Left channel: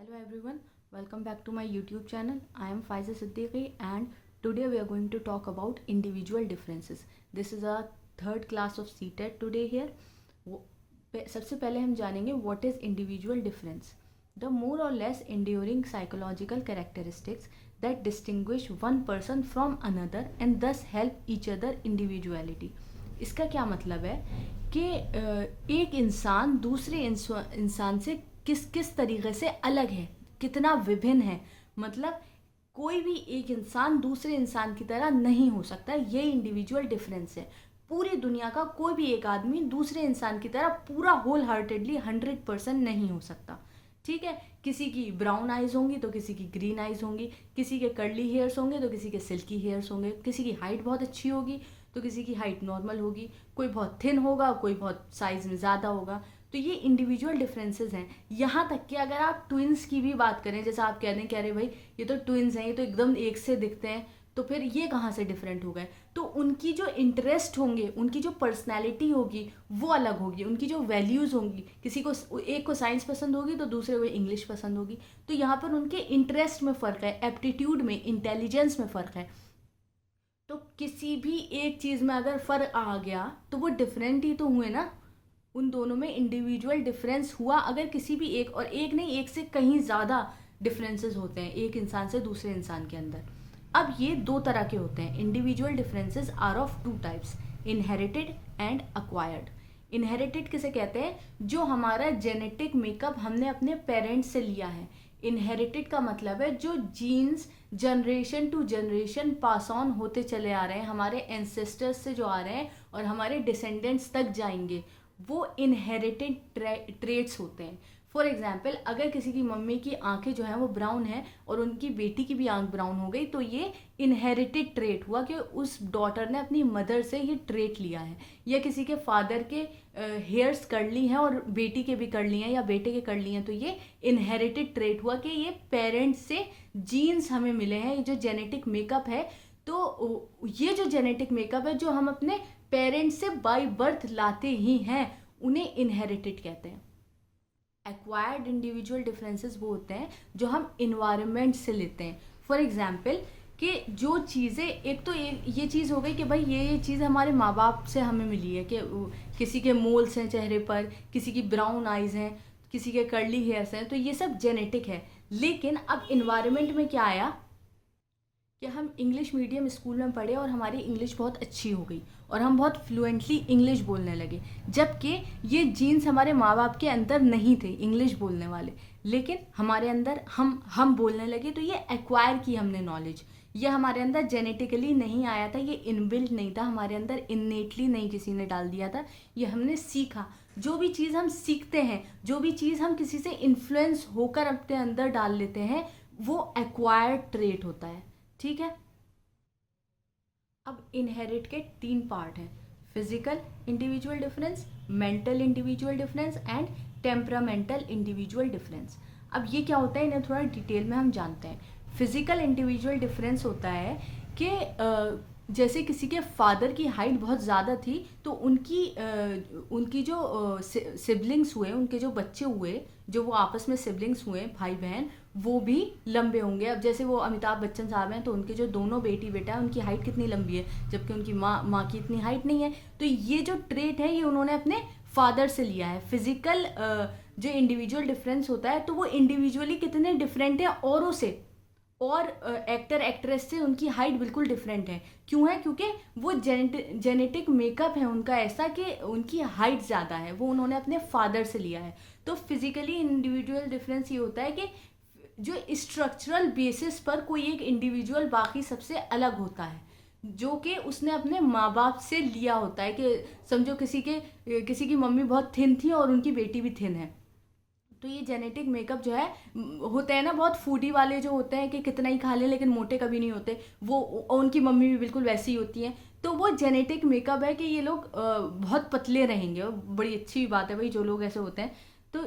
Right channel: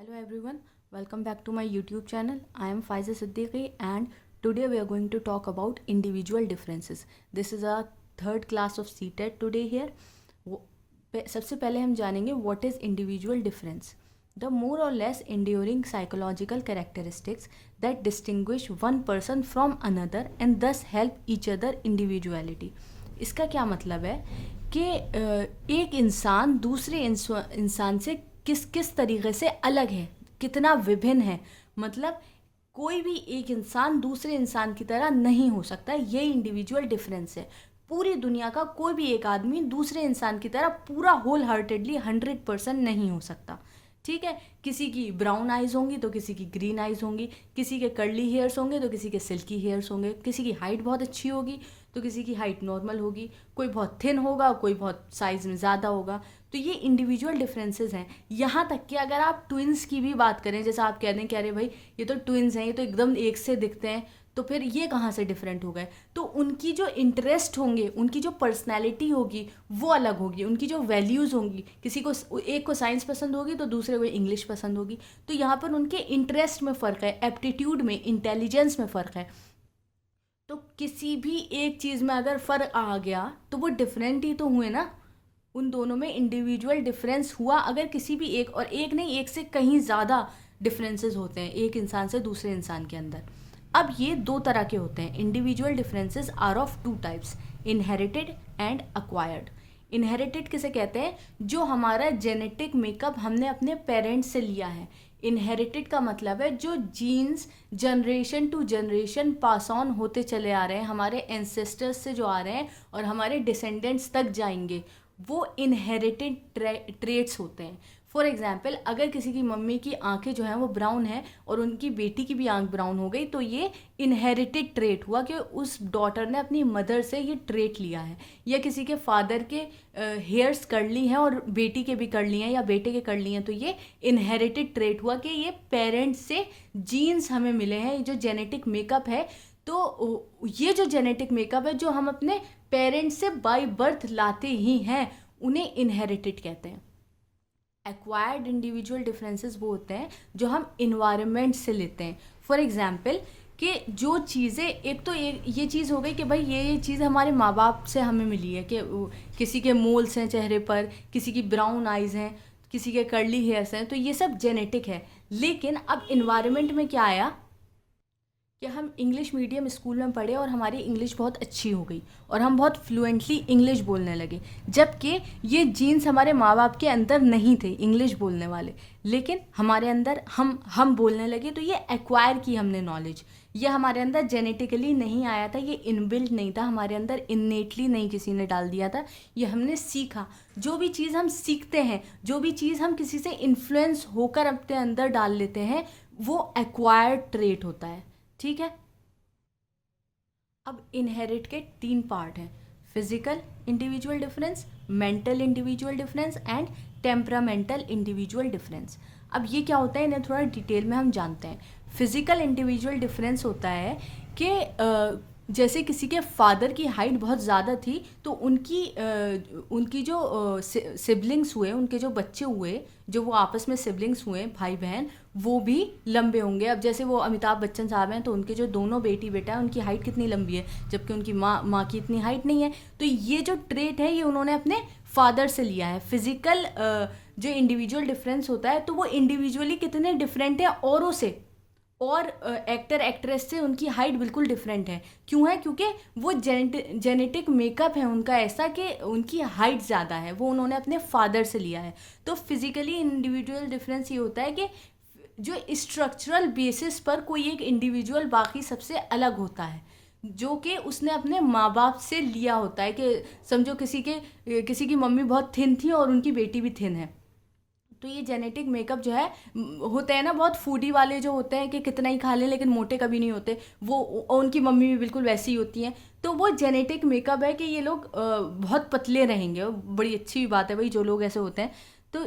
Hello everyone, welcome back to my YouTube channel. I am Faiza Siddiqui and today we are going to talk about individual differences. This is our third class of CTET today here. सबसे पहले हम जानेंगे what is individual difference. The more or less enduring psychological characteristics that distinguish one person from another and thus help each other individuality. इसका क्या मतलब है कि एक इंसान दूसरे इंसान से किस किस तरीके से अलग है, कितना विभिन्न है. मतलब कोई भी एक इंसान दूसरे इंसान की तरह नहीं हो सकता. ये इंडिविजुअल डिफरेंस है. पूरी दुनिया का कोई भी एक आदमी दूसरे इंसान की तरह पूरा होल हार्टेडली 100% नहीं हो सकता. ठीक है, किसी की ब्राउन आइज़ होंगी तो किसी की ग्रीन आइज़ होंगी, किसी के कर्ली हेयर्स होंगे तो किसी के सिल्की हेयर्स होंगे, किसी की हाइट बहुत अच्छी होगी तो किसी की हाइट नॉर्मल होगी, कोई बहुत थिन होगा, कोई बहुत साइज़ में ज़्यादा होगा. तो ये इंडिविजुअल डिफरेंसेस हैं. यहाँ तक कि अगर आप ट्विन्स की भी बात करें, जैसा आप कह रहे हैं कि अरे भाई ये तो ट्विन्स हैं, ये तो एकदम एक से दिखते हैं, तो फिर ये कहाँ से डिफरेंट हो गए. तो उनकी जो इंटरेस्ट होंगे, उनकी जो पर्सनैलिटी होगी वो अलग होगी, उनकी जो वैल्यूज़ होंगी, किसी को एक को साइंस पसंद होगी तो दूसरे को इंग्लिश पसंद होगी. तो यहाँ पर उनके इंटरेस्ट में फ़र्क है, एप्टीट्यूड में, इंटेलिजेंस में फ़र्क है. तो किसी भी एक चीज़ में अगर फ़र्क आ गया तो वो डिफरेंट ही तो हुए ना. उन दोनों में इंडिविजुअल डिफरेंस हुआ. अगर किसी भी एक, और एक नहीं, एक से कहीं ज़्यादा डिफरेंसेस होते हैं एक इंसान से दूसरे इंसान के अंदर. अब ये दो तरह के होते हैं. Individual differences are of two types, inherited and acquired. Inherited किसे कहते हैं? जो हमारा जेनेटिक मेकअप हमने अपने पेरेंट्स से लिया है. इनहेरिटेड का मतलब है जो genes generation to generation pass on होते चले आ रहे हैं, हमारे एंसेस्टर्स से जो आ रहे हैं और हमारे डिसेंडेंट्स तक जाएंगे, वो इनहेरिटेड ट्रेट्स होते हैं. फॉर एग्जाम्पल, अगर किसी की मम्मी की आंखें जो हैं वो ब्राउन है और उनकी बेटी की भी आंख ब्राउन हो गई, तो ये इनहेरिटेड ट्रेट हुआ कि उस डॉटर ने अपनी मदर से ये ट्रेट लिया है. या किसी के फादर के हेयर्स कर्ली हैं और बेटी के भी कर्ली हैं या बेटे के कर्ली हैं, तो ये इनहेरिटेड ट्रेट हुआ कि ये पेरेंट्स से जीन्स हमें मिले हैं, ये जो जेनेटिक मेकअप है. तो ये जो जेनेटिक मेकअप है जो हम अपने पेरेंट्स से बाय बर्थ लाते ही हैं, उन्हें इनहेरिटेड कहते हैं. एक्वायर्ड इंडिविजुअल डिफरेंसेस वो होते हैं जो हम इन्वायरमेंट से लेते हैं. फॉर एग्जाम्पल, कि जो चीज़ें, एक तो ये चीज़ हो गई कि भाई ये चीज़ हमारे माँ बाप से हमें मिली है, कि किसी के मोल्स हैं चेहरे पर, किसी की ब्राउन आइज़ हैं, किसी के कर्ली हेयर्स हैं, तो ये सब जेनेटिक है. लेकिन अब इन्वायरमेंट में क्या आया कि हम इंग्लिश मीडियम स्कूल में पढ़े और हमारी इंग्लिश बहुत अच्छी हो गई और हम बहुत फ्लुएंटली इंग्लिश बोलने लगे, जबकि ये जीन्स हमारे माँ बाप के अंदर नहीं थे इंग्लिश बोलने वाले, लेकिन हमारे अंदर हम बोलने लगे. तो ये एक्वायर की हमने नॉलेज, ये हमारे अंदर जेनेटिकली नहीं आया था, ये इनबिल्ट नहीं था हमारे अंदर, इननेटली नहीं किसी ने डाल दिया था, ये हमने सीखा. जो भी चीज़ हम सीखते हैं, जो भी चीज़ हम किसी से इन्फ्लुएंस होकर अपने अंदर डाल लेते हैं, वो एक्वायर्ड ट्रेट होता है. ठीक है. अब इनहेरिट के तीन पार्ट हैं: physical individual difference, mental individual difference and temperamental individual difference. अब ये क्या होता है, इन्हें थोड़ा डिटेल में हम जानते हैं. फिजिकल इंडिविजुअल डिफरेंस होता है कि जैसे किसी के फादर की हाइट बहुत ज़्यादा थी, तो उनकी जो सिबलिंग्स हुए, उनके जो बच्चे हुए, जो वो आपस में सिबलिंग्स हुए, भाई बहन, वो भी लंबे होंगे. अब जैसे वो अमिताभ बच्चन साहब हैं, तो उनके जो दोनों बेटी बेटा है, उनकी हाइट कितनी लंबी है, जबकि उनकी माँ की इतनी हाइट नहीं है. तो ये जो ट्रेट है ये उन्होंने अपने फादर से लिया है. फिजिकल जो इंडिविजुअल डिफरेंस होता है, तो वो इंडिविजुअली कितने डिफरेंट है औरों से, और एक्टर एक्ट्रेस से उनकी हाइट बिल्कुल डिफरेंट है. क्यों है? क्योंकि वो जेनेटिक मेकअप है उनका ऐसा कि उनकी हाइट ज़्यादा है, वो उन्होंने अपने फादर से लिया है. तो फिजिकली इंडिविजुअल डिफरेंस ये होता है कि जो स्ट्रक्चरल बेसिस पर कोई एक इंडिविजुअल बाकी सबसे अलग होता है, जो कि उसने अपने माँ बाप से लिया होता है. कि समझो किसी की मम्मी बहुत थिन थी और उनकी बेटी भी थिन है, तो ये जेनेटिक मेकअप जो है, होते हैं ना बहुत फूडी वाले जो होते हैं कि कितना ही खा लें लेकिन मोटे कभी नहीं होते, वो उनकी मम्मी भी बिल्कुल वैसी ही होती हैं. तो वो जेनेटिक मेकअप है कि ये लोग बहुत पतले रहेंगे. बड़ी अच्छी बात है भाई जो लोग ऐसे होते हैं. तो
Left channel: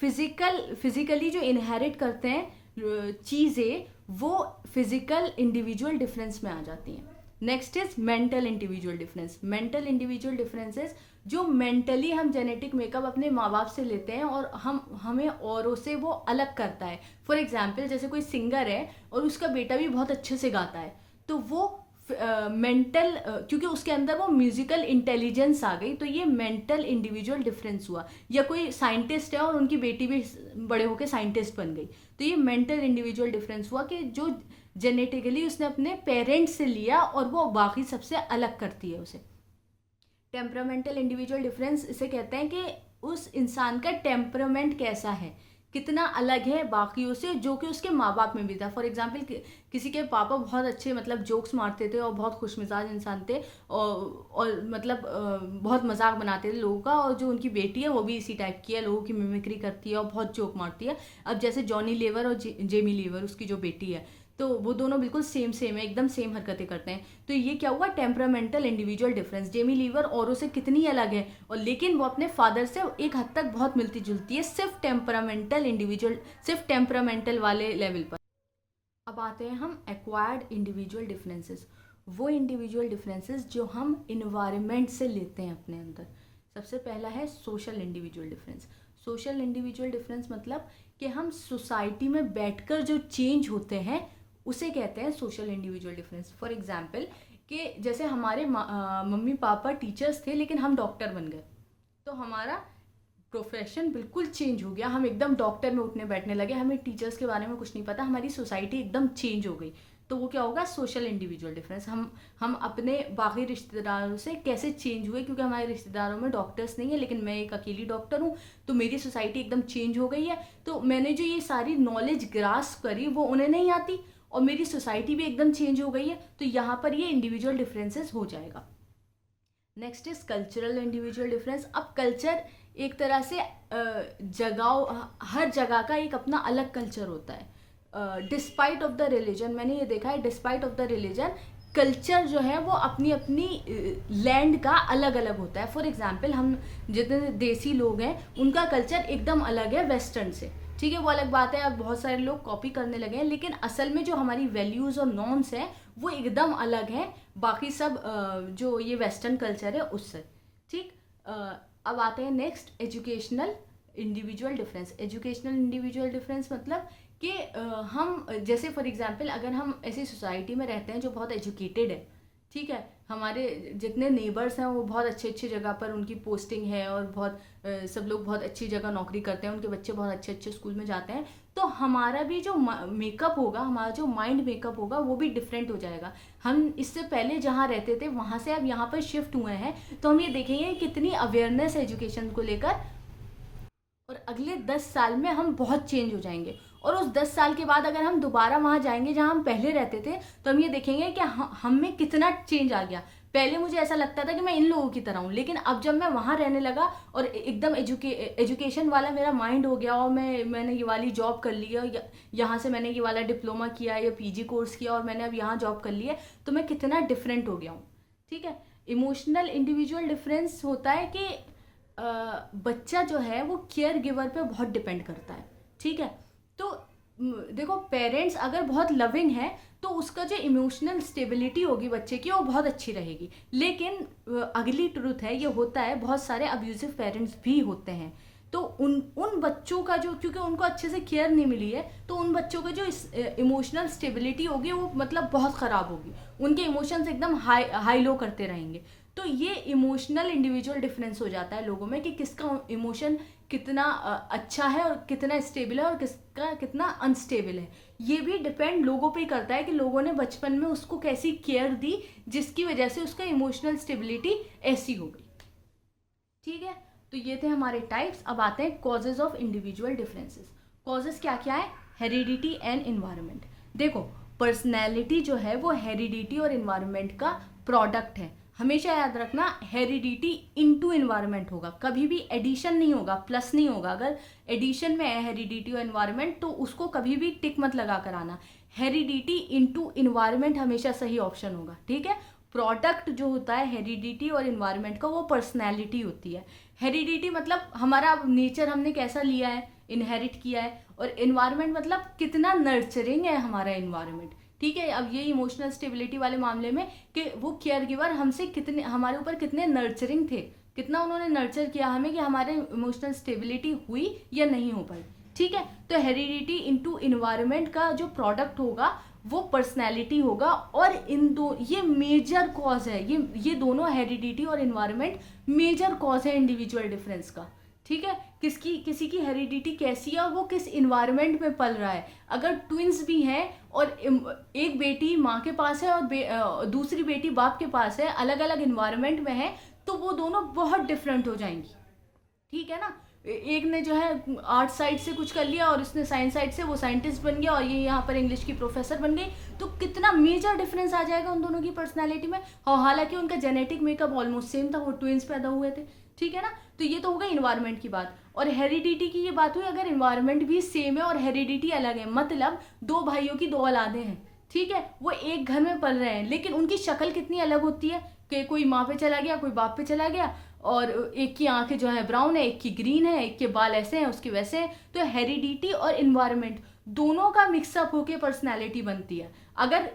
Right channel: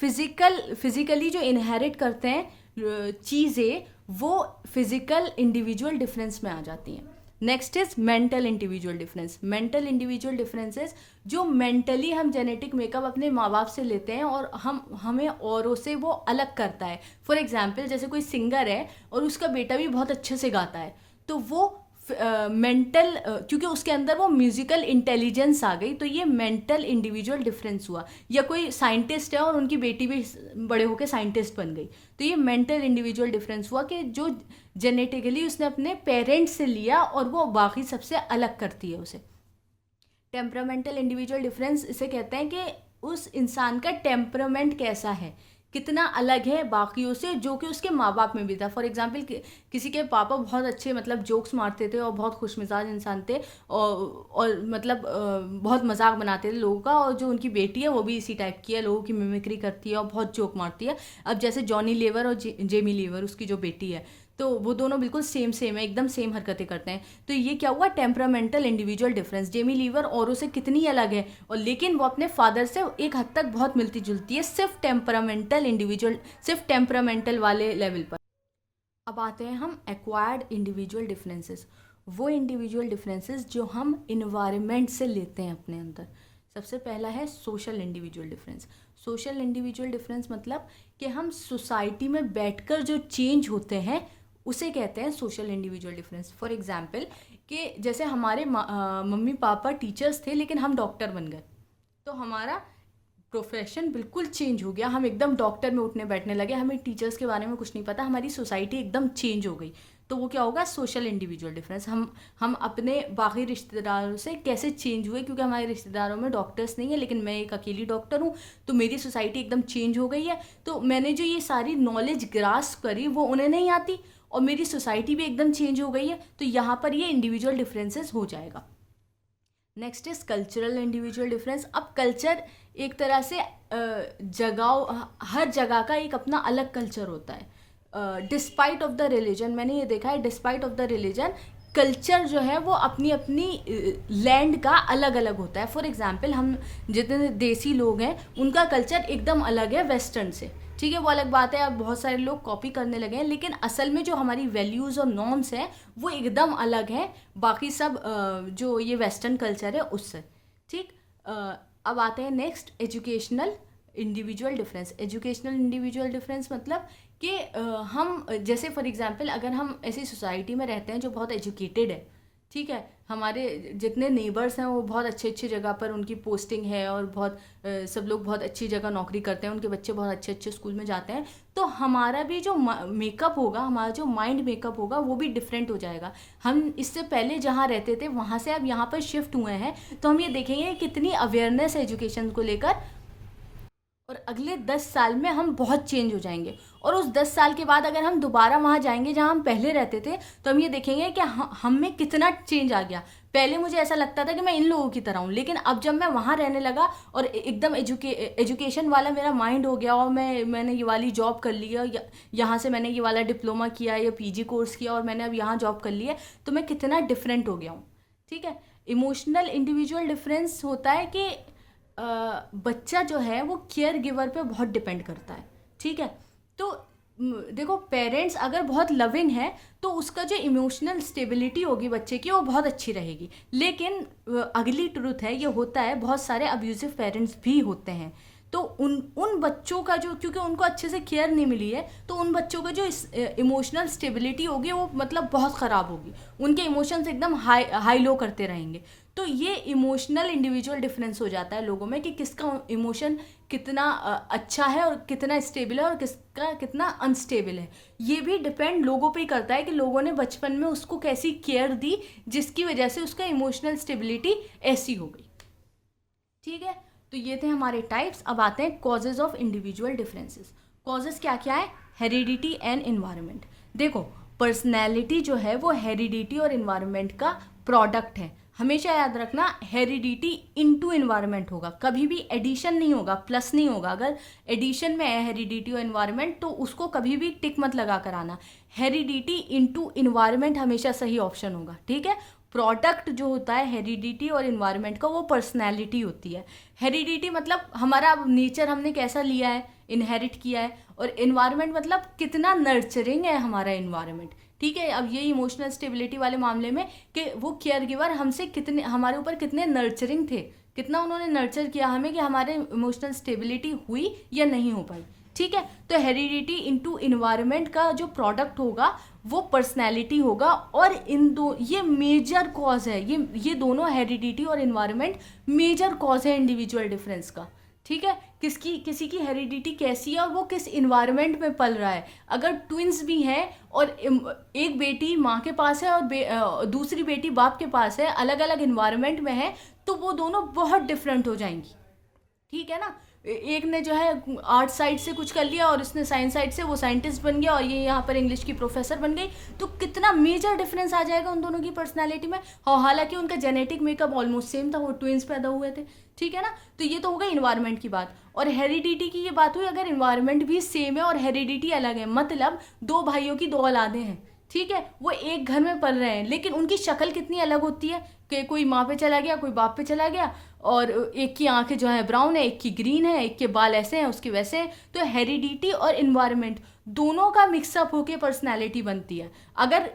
फिजिकली जो इनहेरिट करते हैं चीज़ें, वो फिजिकल इंडिविजुअल डिफरेंस में आ जाती हैं. Next is mental individual difference. Mental individual differences जो मेंटली हम जेनेटिक मेकअप अपने माँ बाप से लेते हैं और हमें औरों से वो अलग करता है। फॉर एग्जाम्पल जैसे कोई सिंगर है और उसका बेटा भी बहुत अच्छे से गाता है, तो वो मेंटल क्योंकि उसके अंदर वो म्यूजिकल इंटेलिजेंस आ गई, तो ये मेंटल इंडिविजुअल डिफरेंस हुआ। या कोई साइंटिस्ट है और उनकी बेटी भी बड़े होकर साइंटिस्ट बन गई, तो ये मेंटल इंडिविजुअल डिफरेंस हुआ कि जो जेनेटिकली उसने अपने पेरेंट्स से लिया और वो बाकी सबसे अलग करती है उसे। टेम्परामेंटल इंडिविजुअल डिफरेंस इसे कहते हैं कि उस इंसान का टेम्परामेंट कैसा है, कितना अलग है बाकियों से, जो कि उसके माँ बाप में भी था। फॉर एग्जाम्पल किसी के पापा बहुत अच्छे मतलब जोक्स मारते थे और बहुत खुशमिजाज इंसान थे, और मतलब बहुत मजाक बनाते थे लोगों का, और जो उनकी बेटी है वो भी इसी टाइप की है, लोगों की मिमिक्री करती है और बहुत जोक मारती है। अब जैसे जॉनी लीवर और जेमी लीवर उसकी जो बेटी है, तो वो दोनों बिल्कुल सेम सेम है, एकदम सेम हरकतें करते हैं। तो ये क्या हुआ, temperamental individual difference. Jamie Lever औरों से कितनी अलग है, और लेकिन वो अपने फादर से एक हद तक बहुत मिलती जुलती है, सिर्फ टेम्परामेंटल इंडिविजुअल, सिर्फ टेम्परामेंटल वाले लेवल पर। अब आते हैं हम एक्वायर्ड इंडिविजुअल डिफरेंसेस। वो इंडिविजुअल डिफरेंसेस जो हम इन्वायरमेंट से लेते हैं अपने अंदर। सबसे पहला है social individual difference. Social individual difference मतलब कि हम सोसाइटी में बैठकर जो चेंज होते हैं उसे कहते हैं social individual difference. For example कि जैसे हमारे मम्मी पापा टीचर्स थे लेकिन हम डॉक्टर बन गए, तो हमारा प्रोफेशन बिल्कुल चेंज हो गया, हम एकदम डॉक्टर में उठने बैठने लगे, हमें टीचर्स के बारे में कुछ नहीं पता, हमारी सोसाइटी एकदम चेंज हो गई। तो वो क्या होगा, सोशल इंडिविजुअल डिफरेंस। हम अपने बाकी रिश्तेदारों से कैसे चेंज हुए, क्योंकि हमारे रिश्तेदारों में डॉक्टर्स नहीं है लेकिन मैं एक अकेली डॉक्टर हूँ, तो मेरी सोसाइटी एकदम चेंज हो गई है। तो मैंने जो ये सारी नॉलेज ग्रास्प करी वो उन्हें नहीं आती, और मेरी सोसाइटी भी एकदम चेंज हो गई है, तो यहाँ पर ये इंडिविजुअल डिफरेंसेस हो जाएगा। Next is cultural individual difference. अब कल्चर एक तरह से जगह, हर जगह का एक अपना अलग कल्चर होता है। डिस्पाइट ऑफ द रिलीजन, मैंने ये देखा है, despite of the religion culture जो है वो अपनी अपनी लैंड का अलग अलग होता है। फॉर एग्जाम्पल हम जितने देसी लोग हैं उनका कल्चर एकदम अलग है वेस्टर्न से, ठीक है, वो अलग बात है। अब बहुत सारे लोग कॉपी करने लगे हैं, लेकिन असल में जो हमारी वैल्यूज़ और नॉर्म्स हैं वो एकदम अलग हैं बाकी सब जो ये वेस्टर्न कल्चर है उससे, ठीक। अब आते हैं next, educational individual difference. Educational individual difference मतलब कि हम जैसे फॉर एग्जांपल अगर हम ऐसी सोसाइटी में रहते हैं जो बहुत एजुकेटेड है, ठीक है, हमारे जितने नेबर्स हैं वो बहुत अच्छे अच्छे जगह पर उनकी पोस्टिंग है और बहुत सब लोग बहुत अच्छी जगह नौकरी करते हैं, उनके बच्चे बहुत अच्छे अच्छे स्कूल में जाते हैं, तो हमारा भी जो मेकअप होगा, हमारा जो माइंड मेकअप होगा वो भी डिफरेंट हो जाएगा। हम इससे पहले जहाँ रहते थे वहाँ से अब यहाँ पर शिफ्ट हुए हैं, तो हम ये देखेंगे कितनी अवेयरनेस है एजुकेशन को लेकर, और अगले 10 साल में हम बहुत चेंज हो जाएंगे। और उस 10 साल के बाद अगर हम दोबारा वहाँ जाएंगे जहाँ हम पहले रहते थे, तो हम ये देखेंगे कि हम में कितना चेंज आ गया। पहले मुझे ऐसा लगता था कि मैं इन लोगों की तरह हूँ, लेकिन अब जब मैं वहाँ रहने लगा और एकदम एजुकेशन वाला मेरा माइंड हो गया और मैंने ये वाली जॉब कर ली है, यहाँ से मैंने ये वाला डिप्लोमा किया या पीजी कोर्स किया और मैंने अब यहाँ जॉब कर ली है, तो मैं कितना डिफरेंट हो गया हूँ, ठीक है। इमोशनल इंडिविजुअल डिफरेंस होता है कि बच्चा जो है वो केयर गिवर पे बहुत डिपेंड करता है, ठीक है। तो देखो, पेरेंट्स अगर बहुत लविंग है तो उसका जो इमोशनल स्टेबिलिटी होगी बच्चे की वो बहुत अच्छी रहेगी, लेकिन अगली ट्रूथ है, ये होता है, बहुत सारे अब्यूजिव पेरेंट्स भी होते हैं। तो उन बच्चों का जो, क्योंकि उनको अच्छे से केयर नहीं मिली है, तो उन बच्चों का जो इमोशनल स्टेबिलिटी होगी वो मतलब बहुत ख़राब होगी, उनके इमोशंस एकदम हाई लो करते रहेंगे। तो ये इमोशनल इंडिविजुअल डिफरेंस हो जाता है लोगों में कि किसका इमोशन कितना अच्छा है और कितना स्टेबल है और किसका कितना अनस्टेबल है। ये भी डिपेंड लोगों पे ही करता है कि लोगों ने बचपन में उसको कैसी केयर दी जिसकी वजह से उसका इमोशनल स्टेबिलिटी ऐसी हो गई, ठीक है। तो ये थे हमारे टाइप्स। अब आते हैं causes of individual differences. Causes क्या क्या है, हेरिडिटी एंड इन्वायरमेंट। देखो, पर्सनैलिटी जो है वो हेरिडिटी और इन्वायरमेंट का प्रोडक्ट है। हमेशा याद रखना, हेरिडिटी इनटू इन्वायरमेंट होगा, कभी भी एडिशन नहीं होगा, प्लस नहीं होगा। अगर एडिशन में है हेरिडिटी और इन्वायरमेंट तो उसको कभी भी टिक मत लगा कर आना। हेरिडिटी इनटू इन्वायरमेंट हमेशा सही ऑप्शन होगा, ठीक है। प्रोडक्ट जो होता है हेरिडिटी और इन्वायरमेंट का वो पर्सनैलिटी होती है। हेरिडिटी मतलब हमारा नेचर हमने कैसा लिया है, इनहेरिट किया है, और इन्वायरमेंट मतलब कितना नर्चरिंग है हमारा इन्वायरमेंट, ठीक है। अब ये इमोशनल स्टेबिलिटी वाले मामले में कि वो केयर गिवर हमसे कितने, हमारे ऊपर कितने नर्चरिंग थे, कितना उन्होंने नर्चर किया हमें कि हमारे इमोशनल स्टेबिलिटी हुई या नहीं हो पाई। ठीक है, तो हेरिडिटी इनटू इन्वायरमेंट का जो प्रोडक्ट होगा वो पर्सनैलिटी होगा, और इन दो ये मेजर कॉज है, ये दोनों हेरिडिटी और इन्वायरमेंट मेजर कॉज है इंडिविजुअल डिफरेंस का। ठीक है, किसी की हेरिडिटी कैसी है और वो किस इन्वायरमेंट में पल रहा है। अगर ट्विंस भी हैं और एक बेटी माँ के पास है और दूसरी बेटी बाप के पास है, अलग अलग इन्वायरमेंट में है, तो वो दोनों बहुत डिफरेंट हो जाएंगी। ठीक है ना, एक ने जो है आर्ट साइड से कुछ कर लिया और इसने साइंस साइड से, वो साइंटिस्ट बन गया और ये यहाँ पर इंग्लिश की प्रोफेसर बन गई, तो कितना मेजर डिफरेंस आ जाएगा उन दोनों की पर्सनैलिटी में। और हालांकि उनका जेनेटिक मेकअप ऑलमोस्ट सेम था, वो ट्विंस पैदा हुए थे। ठीक है ना, तो ये तो हो गई इन्वायरमेंट की बात। और हेरिडिटी की ये बात हुई, अगर इन्वायरमेंट भी सेम है और हेरिडिटी अलग है, मतलब दो भाइयों की दो औलादें हैं, ठीक है, वो एक घर में पल रहे हैं, लेकिन उनकी शक्ल कितनी अलग होती है कि कोई माँ पे चला गया, कोई बाप पे चला गया, और एक की आंखें जो है ब्राउन है, एक की ग्रीन है, एक के बाल ऐसे हैं, उसके वैसे हैं। तो हेरिडिटी और इन्वायरमेंट दोनों का मिक्सअप होके पर्सनैलिटी बनती है। अगर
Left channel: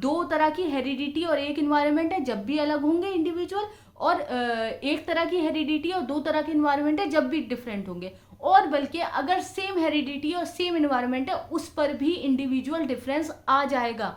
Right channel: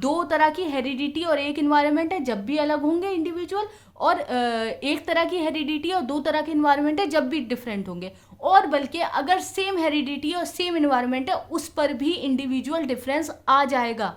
दो तरह की हेरिडिटी और एक इन्वायरमेंट है, जब भी अलग होंगे इंडिविजुअल, और एक तरह की हेरिडिटी और दो तरह की इन्वायरमेंट है, जब भी डिफरेंट होंगे। और बल्कि अगर सेम हेरिडिटी और सेम इन्वायरमेंट है, उस पर भी इंडिविजुअल डिफरेंस आ जाएगा।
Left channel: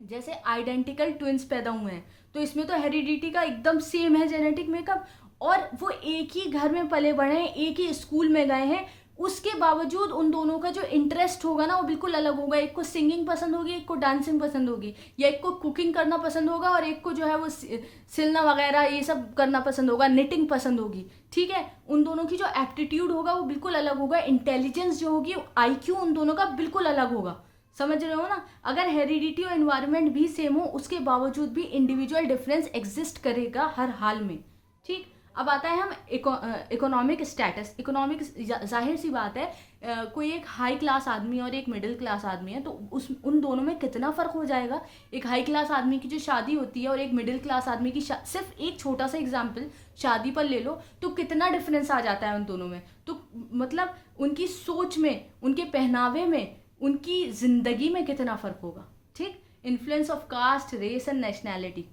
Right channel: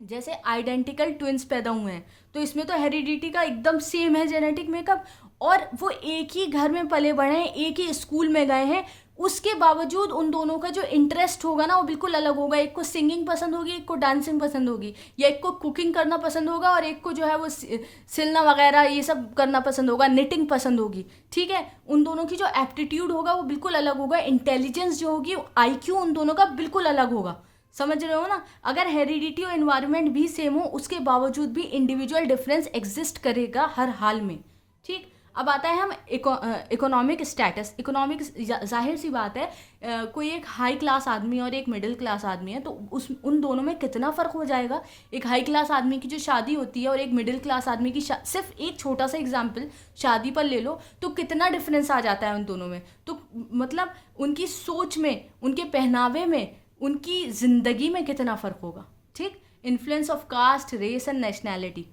जैसे आइडेंटिकल ट्विंस पैदा हुए हैं, तो इसमें तो हेरिडिटी का एकदम सेम है जेनेटिक मेकअप, और वो एक ही घर में पले बढ़े हैं, एक ही स्कूल में गए हैं, उसके बावजूद उन दोनों का जो इंटरेस्ट होगा ना वो बिल्कुल अलग होगा। एक को सिंगिंग पसंद होगी, एक को डांसिंग पसंद होगी, या एक को कुकिंग करना पसंद होगा और एक को जो है वो सिलना वगैरह ये सब करना पसंद होगा, निटिंग पसंद होगी। ठीक है, उन दोनों की जो एप्टीट्यूड होगा वो बिल्कुल अलग होगा, इंटेलिजेंस जो होगी, आईक्यू उन दोनों का बिल्कुल अलग होगा। समझ रहे हो ना, अगर हेरिडिटी और इन्वायरमेंट भी सेम हो, उसके बावजूद भी इंडिविजुअल डिफरेंस एग्जिस्ट करेगा हर हाल में। ठीक, अब आता है हम इकोनॉमिक स्टेटस। इकोनॉमिक, जाहिर सी बात है, कोई एक हाई क्लास आदमी और एक मिडिल क्लास आदमी है, तो उन दोनों में कितना फ़र्क हो जाएगा। एक हाई क्लास आदमी की जो शादी होती है और एक मिडिल क्लास आदमी की सिर्फ एक छोटा सा एग्जाम्पल शादी पर ले लो, तो कितना डिफरेंस आ जाता है उन दोनों में। तो मतलब उनकी सोच में, उनके पहनावे में, उनकी ज़िंदगी में कितना फ़र्क होगा। ठीक, influence of caste, race and nationality.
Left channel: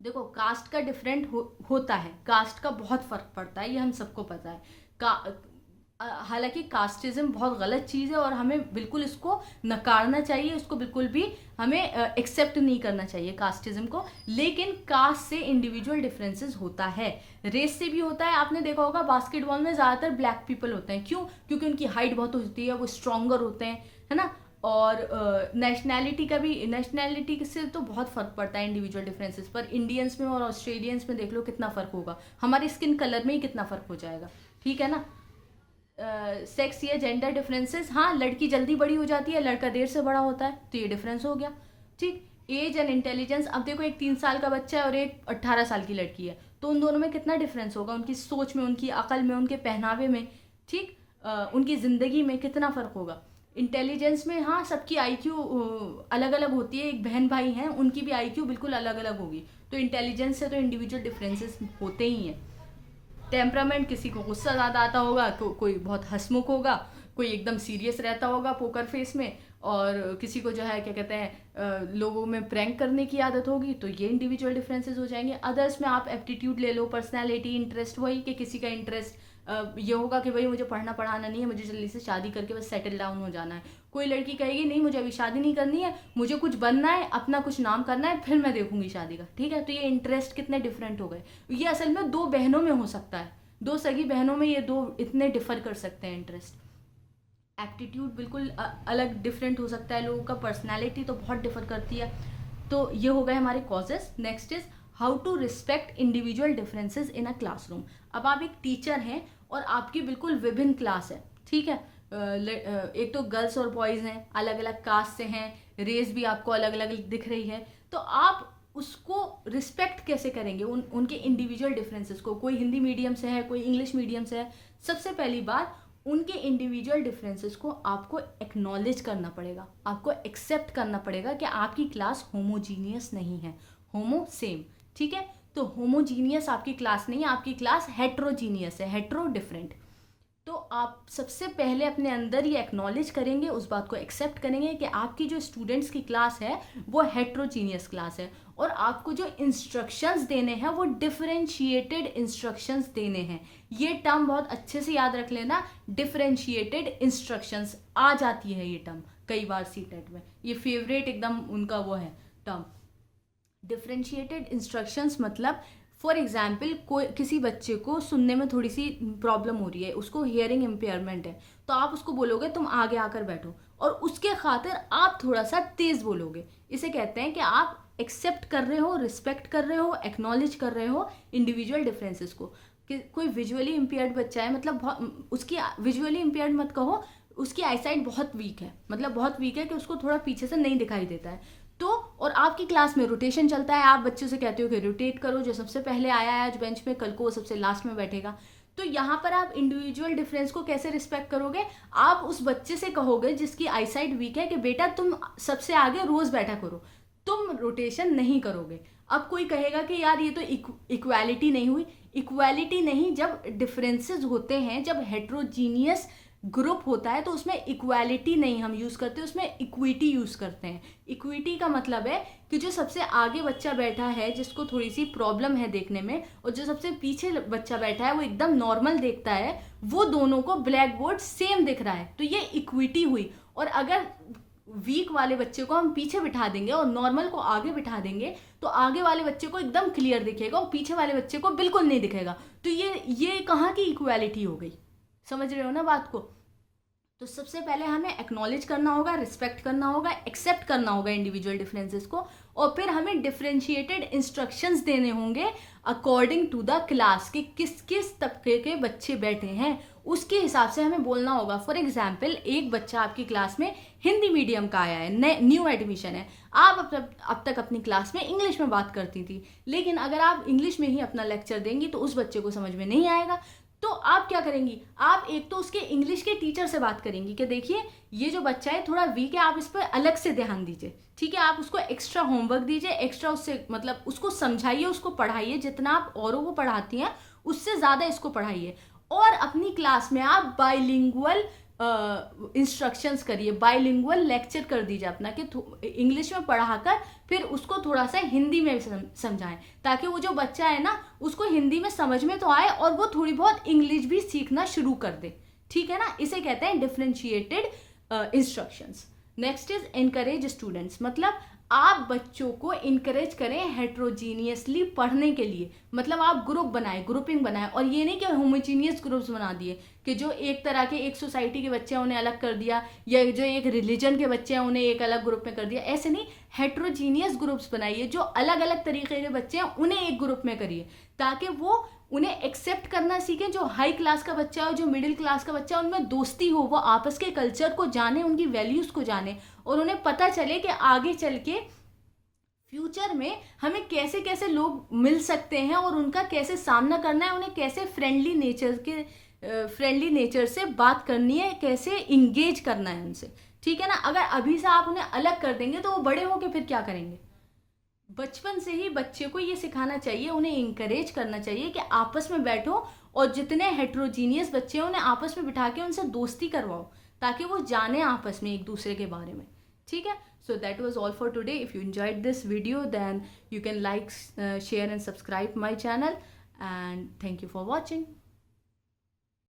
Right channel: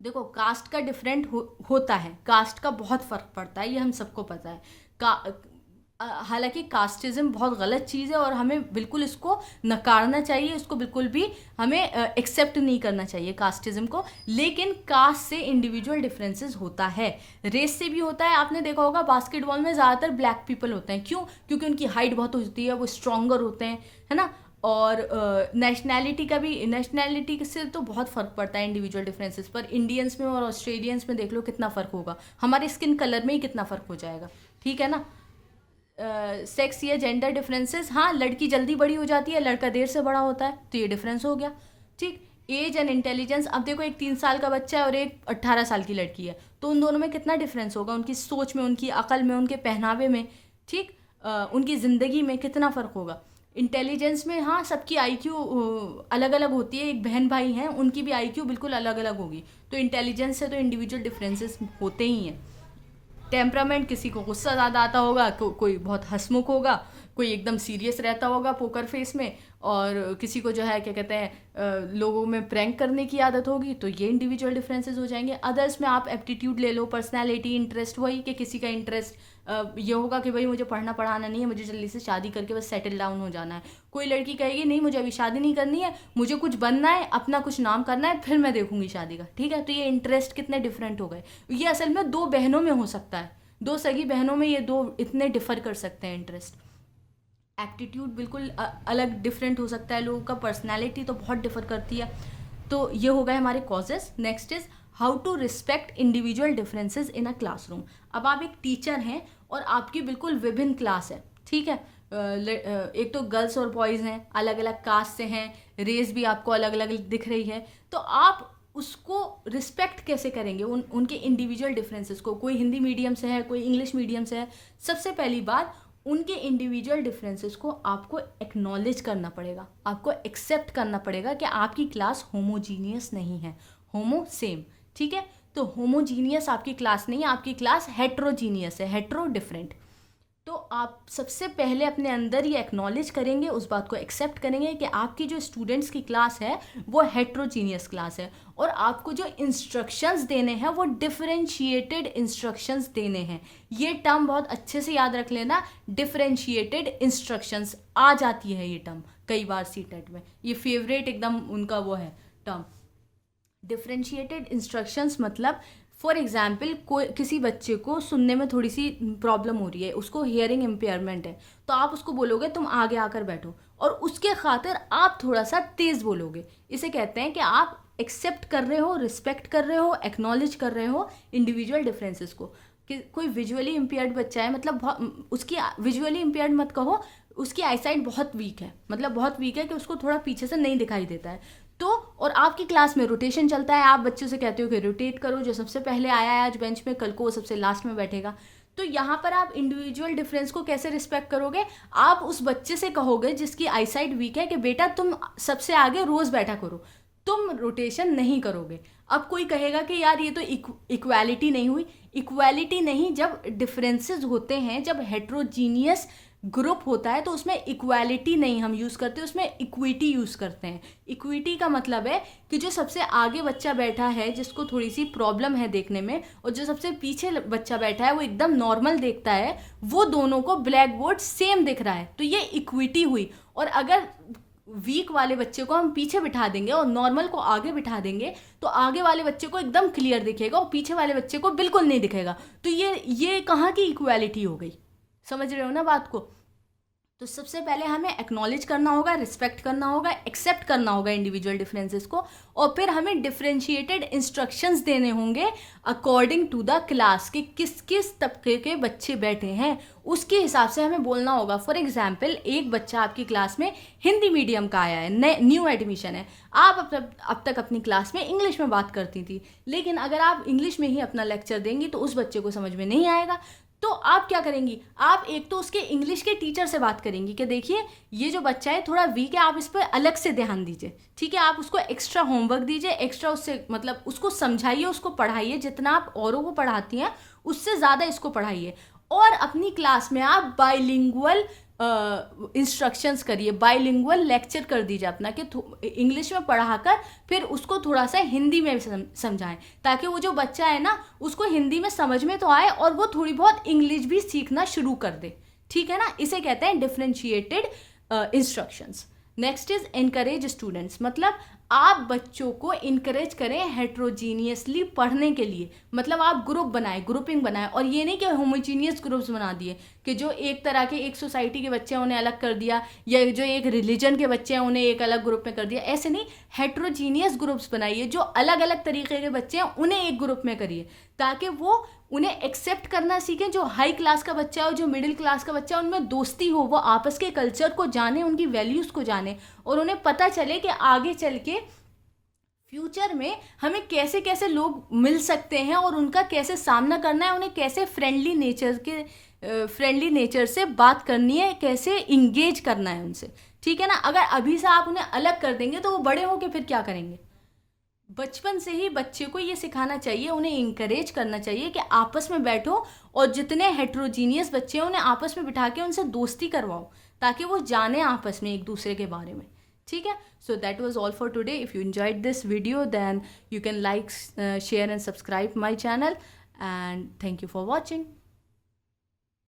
देखो, कास्ट का डिफरेंट होता है, कास्ट का बहुत फ़र्क पड़ता है, ये हम सबको पता है। हालांकि कास्टिज्म बहुत गलत चीज़ है और हमें बिल्कुल इसको नकारना चाहिए, इसको बिल्कुल भी हमें एक्सेप्ट नहीं करना चाहिए कास्टिज्म को। लेकिन कास्ट से इंडिविजुअल डिफरेंसेस होता है, रेस से भी होता है। आपने देखा होगा बास्केटबॉल में ज़्यादातर ब्लैक पीपल होते हैं, क्यों? क्योंकि उनकी हाइट बहुत होती है, वो स्ट्रॉन्गर होते हैं, है ना। और नेशनैलिटी का भी, नेशनैलिटी से तो बहुत फ़र्क पड़ता है इंडिविजुअल डिफरेंसेस पर। इंडियंस में और ऑस्ट्रेलियंस में देख लो कितना फ़र्क होगा, हमारी स्किन कलर में ही कितना फ़र्क हो जाएगा। ठीक है ना। सेक्स या जेंडर डिफरेंसेस, हाँ, लड़की जल्दी बड़ी हो जाती है, लड़का देर से बड़ा होता है, तो ये डिफरेंस हो गया। ठीक, एज एंड इंटेलिजेंस। अब देखो, एक 3 साल का बच्चा है और एक 18 साल की लड़की है, तो उन दोनों में कितना डिफरेंस होगा, उनकी सोच में, उनकी अकल में, उनके पहनावे में। ठीक, उनकी ज़िंदगी में कितना फ़र्क होगा। इंटेलिजेंस में, हाँ, सबकी आईक्यू अलग अलग होती है। एक बहन भाई हैं, उनकी भी आईक्यू बिल्कुल अलग अलग होगी, तो इंटेलिजेंस से तो इंडिविजुअल डिफरेंसेस होते ही हैं। टेम्परामेंट, किसी को गुस्सा ज़्यादा आता होगा, कोई बहुत हंसमुख होगा, कोई एकदम सीरियस रहता होगा पोकर फेस में, और किसी को जो है क्या कहते हैं लोगों में प्रैंक करने की आदत होगी, तो ये इंडिविजुअल डिफरेंसेस हो जाएंगे। अदर्स में आप एप्टीट्यूड ले लो, पर्सनैलिटी, इंटरेस्ट, वही कि किसी का इंटरेस्ट ये होगा कि भाई मुझे पढ़ना पढ़ाना नहीं है, मुझे जल्दी से शादी करके बस सेटल डाउन हो जाना है। कोई लड़की कहेगी नहीं, मुझे अभी शादी नहीं करनी है, मुझे कुछ बनना है, अपना कुछ नाम करना है, फिर मैं देखूंगी शादी का। ठीक है, तो ये इंटरेस्ट कितने डिफरेंट हो गए। ये असल में दो बहनों में हो सकता है, दो सगी बहनों में ये दो इतने डिफर कर सकते हैं इंटरेस्ट। एप्टीट्यूड बिल्कुल अलग डिफरेंट हो सकता है लोगों का, पर्सनैलिटी तो बहुत डिफर करती है। तो ये हो गए हमारे causes. Next is how to respect individual differences in a classroom. अब आप एक टीचर हैं और आपकी बिल्कुल विभिन्न क्लास है, ठीक है, एक तो गर्ल्स और बॉयज़ हैं, अलग अलग कास्ट से हैं, रेस भी आपको अलग अलग दिख रही है, तो आप उसको रिस्पेक्ट कैसे करेंगे उनके इंडिविजुअल डिफरेंसेस को। कोई हिंदी मीडियम से है, कोई इंग्लिश मीडियम से है। सबसे पहली बात, उनके इंडिविजुअल डिफरेंसेस को आपको एक्नॉलेज करना पड़ेगा, आपको एक्सेप्ट करना पड़ेगा कि आपकी क्लास होमोजीनियस नहीं है, होमो सेम। ठीक है, तो होमोजीनियस आपकी क्लास नहीं है, आपकी क्लास हेट्रोजीनियस है, हेट्रो डिफरेंट। तो आप सबसे पहले अपने अंदर ये एक्नॉलेज करेंगे, उस बात को एक्सेप्ट करेंगे कि आपकी जो स्टूडेंट्स की क्लास है वो हेट्रोजीनियस क्लास है, और आपको जो इंस्ट्रक्शंस देने हैं वो डिफरेंशिएटेड इंस्ट्रक्शंस देने हैं। ये टर्म बहुत अच्छे से याद रख लेना, डिफरेंशिएटेड इंस्ट्रक्शंस आ जाती है ये टर्म कई बार सीटेट में, ये फेवरेट एकदम उनका वो है टर्म। डिफरेंशिएटेड इंस्ट्रक्शंस मतलब फॉर एग्जाम्पल कोई किसी बच्चे को सुनने में थोड़ी सी प्रॉब्लम हो रही है, उसको हियरिंग इम्पेयरमेंट है, तो आप उसको बोलोगे तुम आगे आकर बैठो, और उसके खातिर आप थोड़ा सा तेज बोलोगे। इसे कहते हैं कि आप एक्सेप्ट कर रहे हो, रिस्पेक्ट कर रहे हो, एक्नॉलेज कर रहे हो इंडिविजुअल डिफरेंसेस को। कि कोई विजुअली इम्पेयर्ड बच्चा है, मतलब उसकी विजुअली इम्पेयर्ड मत कहो, उसकी आईसाइट बहुत वीक है, मतलब बहुत वीक है कि उसको थोड़ा पीछे से नहीं दिखाई देता है। तो और आपकी क्लास में रोटेशन चलता है, आप बच्चों से कहते हो कि रोटेट करो, जो सबसे पहले आया है आज बेंच में कल को वो सबसे लास्ट में बैठेगा। तो यहाँ पर आप इंडिविजुअल डिफरेंस को कैसे रिस्पेक्ट करोगे? आप उस बच्चे से कहोगे जिसकी आईसाइट वीक है कि बेटा तुम सबसे आगे रोज बैठा करो, तुम रोटेशन नहीं करोगे। अब कोई कहेगा कि यार ये तो इक्वालिटी नहीं हुई। इक्वालिटी नहीं, जब डिफरेंसेस होते हैं, जब हेट्रोजीनियस ग्रुप होता है तो उसमें इक्वालिटी नहीं हम यूज़ करते, उसमें इक्विटी यूज़ करते हैं। इक्विटी का मतलब है कि जो सबसे आगे बच्चा बैठा है जिसको थोड़ी सी प्रॉब्लम है देखने में, और जो सबसे पीछे बच्चा बैठा है वो एकदम नॉर्मल देखता है, वो दोनों को ब्लैक बोर्ड सेम दिख रहा है, तो ये इक्विटी हुई। और अगर वीक वाले बच्चे को हम पीछे बिठा देंगे और नॉर्मल को आगे बिठा देंगे तो आगे वाले बच्चे को एकदम क्लियर दिखेगा और पीछे वाले बच्चे को बिल्कुल नहीं दिखेगा। तो ये कहाँ की इक्वालिटी हो गई? समझ रहे हो ना बात को? तो सबसे पहले हमें एक्नॉलेज करना होगा, रिस्पेक्ट करना होगा, एक्सेप्ट करना होगा इंडिविजुअल डिफरेंसेस को, और फिर हमें डिफरेंशिएटेड इंस्ट्रक्शंस देने होंगे अकॉर्डिंग टू द क्लास कि किस किस तबके के बच्चे बैठे हैं, उसके हिसाब से हमें बोलना होगा। फॉर एग्जाम्पल एक बच्चा आपकी क्लास में हिंदी मीडियम का आया है, न्यू एडमिशन है, आप अब तक अपनी क्लास में इंग्लिश में बात करती थी, लेकिन अगर आप इंग्लिश में ही अपना लेक्चर देंगी तो उस बच्चे को समझ में नहीं आएगा। तो आप क्या करेंगी? आप एक तो उसके इंग्लिश के टीचर से बात करेंगी कि देखिए ये जो बच्चा है थोड़ा वीक है, आप इस पर अलग से ध्यान दीजिए, ठीक है, आप उसको एक्स्ट्रा होमवर्क दीजिए, एक्स्ट्रा उससे मतलब उसको समझाइए, उसको पढ़ाइए, जितना आप औरों को पढ़ाती हैं उससे ज़्यादा इसको पढ़ाइए। और अपनी क्लास में आप बाइलिंगुअल इंस्ट्रक्शंस करिए, बाइलिंगुअल लेक्चर कर दीजिए अपना, कि इंग्लिश में पढ़ाकर फिर उसको थोड़ा सा हिंदी में समझाएं, ताकि वो जो बच्चा है ना उसको हिंदी में समझ में तो आए और वो थोड़ी बहुत इंग्लिश भी सीखना शुरू कर दे, ठीक है ना। इसे कहते हैं differentiated instructions. Next is encourage students, मतलब आप बच्चों को इनकरेज करें हेट्रोजीनियसली पढ़ने के लिए, मतलब आप ग्रुप बनाएं, ग्रुपिंग बनाएं, और ये नहीं कि होमोजीनियस ग्रुप्स बना दिए कि जो एक तरह के एक सोसाइटी के बच्चे हैं उन्हें अलग कर दिया, या जो एक रिलीजन के बच्चे हैं उन्हें एक अलग ग्रुप में कर दिया, ऐसे नहीं। हेट्रोजीनियस ग्रुप्स बनाइए, जो अलग अलग तरीके के बच्चे हैं उन्हें एक ग्रुप में करिए, ताकि वो उन्हें एक्सेप्ट करना सीखे। जो हाई क्लास का बच्चा है और जो मिडिल क्लास का बच्चा है उनमें दोस्ती हो, वो आपस के कल्चर को जाने, उनकी वैल्यूज़ को जाने, और उन्हें पता चले कि आगे चल के फ्यूचर में हमें कैसे कैसे लोग मिल सकते हैं और उनका कैसे सामना करना है, उन्हें कैसे फ्रेंडली नेचर से बात करनी है, कैसे इंगेज करना है उनसे, ठीक है ना। अगर अभी से आप उन्हें अलग कर देंगे तो वो बड़े होके फिर क्या करेंगे? बचपन से ही बच्चे को ये सिखाना चाहिए, उन्हें इंकरेज करना चाहिए कि आपस में बैठो और जितने हेट्रोजीनियस बच्चे हैं उन्हें आपस में बिठा के उनसे दोस्ती करवाओ, ताकि वो जाने आपस में एक दूसरे के बारे में, ठीक है। So that was all for today. If you enjoyed this video then you can like, share and subscribe my channel, and thank you for watching.